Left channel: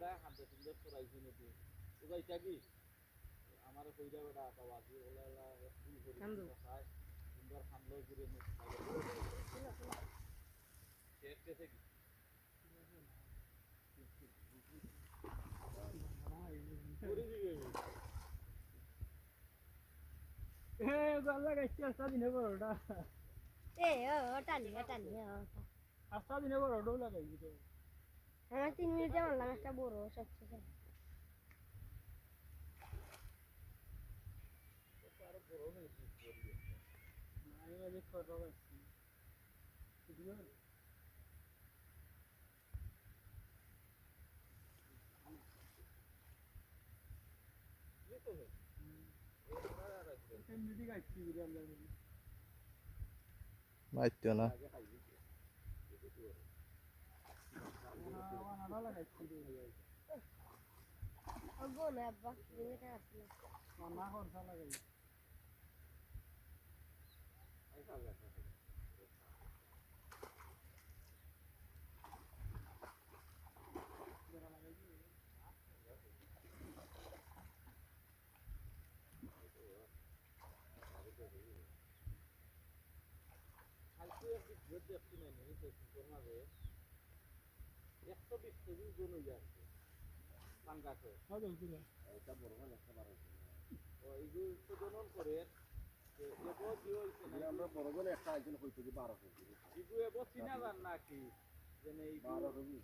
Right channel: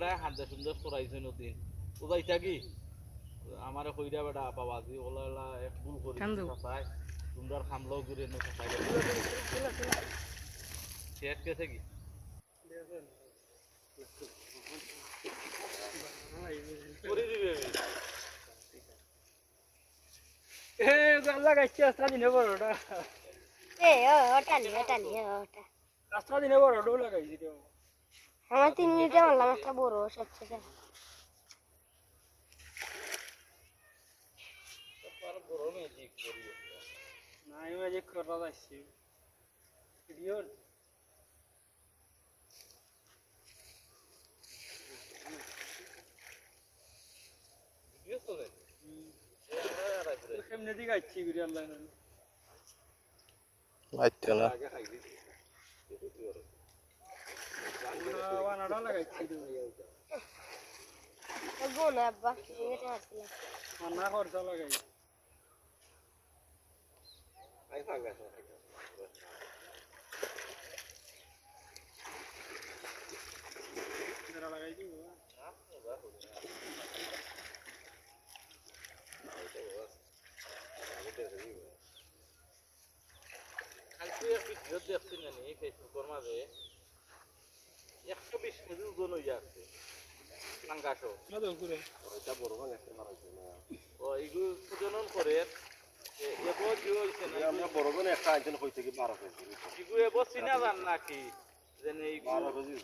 বেড়া হাতে সুন্দর করাইছে নতুন ও যাইতা কি আমারে কইরা বেটা বাবাজি ওলা এক ভুল করি চাচাই তোমরা খামলো ঘুরে নো চাচাই শেষ কেছে কি করে দিবে এ গাল্লা গাইছে আস্তা দিনে বড়টা ওটা আস্তা দিনে বড়টা লাগাইছি তো আমার 3 মিনিটে মারলাম একটা বড় সচ্ছে আর গরমে ঠিক করি নাই মাঝে করা যাচ্ছে ভিডিও ভিডিও চলে কেমনে দিকে আইছি ভিডিও আল্লাহ জানে মাইতে না আগে খাই দিছি বানাড়া লাগাইছি তো গোনা আব্বা এটা আসলে মানা খরচা লাগাই আই ফাঙ্গা এরা লাগাই দিব কালকে এক ভিডিও দেখছি জানি ফেসবুকের মাঝে 120 কেজি ওজন হয়ে যাচ্ছে পাঙ্গাসও না তো করে ওইটা বড় ভাঙ একটা মারাইছে না ও এগুলো প্রজনন করে এবো কি হইছে না আমরা বড় করে একটা আইটেম কইতে কি 12 কেজি এগুলো এবো চিনা জান নাকি যেন এইগুলো 12 কেজি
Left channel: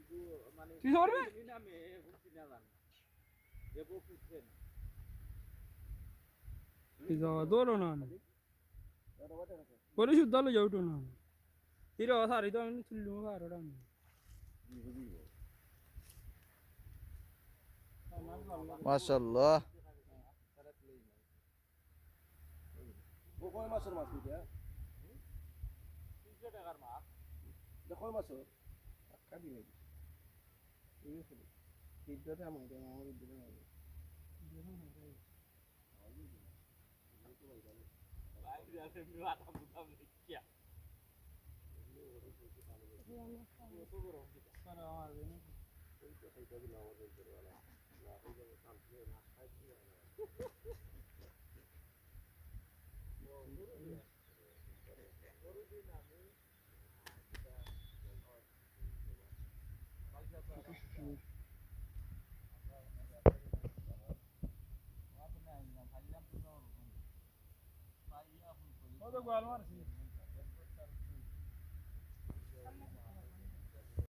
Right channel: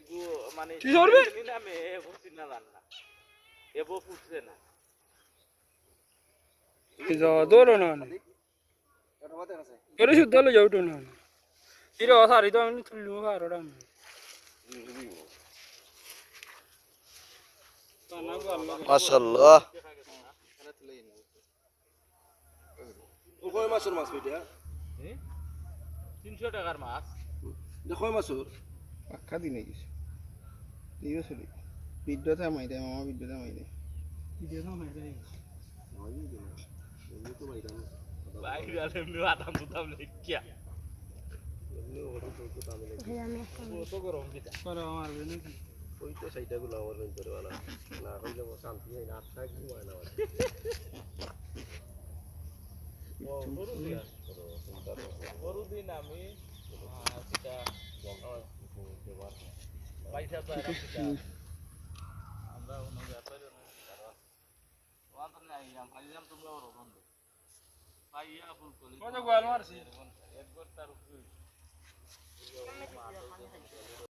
এগুলো মানে কি করবে নামে এবো চিনা জান না এবো ফুটছে না কি যা দৌড়ো না এটা বাদে আছে ওরে শুদ্ধ হলে যাও তো না তিরে সারি তো আমি তুললু কারোটা আমি মাশাআল্লাহ কয় মাছের মাছ এটা 300 টাকার মাছ কয় মাছের পাক্কা দিনে কিছু ঠিক আছে ভিডিওতে মাই দেয় মামা ভিডিওতে মাই দেয় ভিডিও না মাইরা ভাই গালে এমনি আদাম বুদাম লেখিয়া কত গরম কিটা করে মারবে নাকি ওই তো সাইডাগুলো আমার ভিতরে वाला না হইলে শান্তি হয় না আত্মা কি হয় না গরুদিন আমি সেটা পয়সা তো আমরা অন্য ব্যাপারে আইলাম তোমরা ওর বন্ধ আইয়া ফুল কলি কত গোয়াল মারছি একবার তার উপরে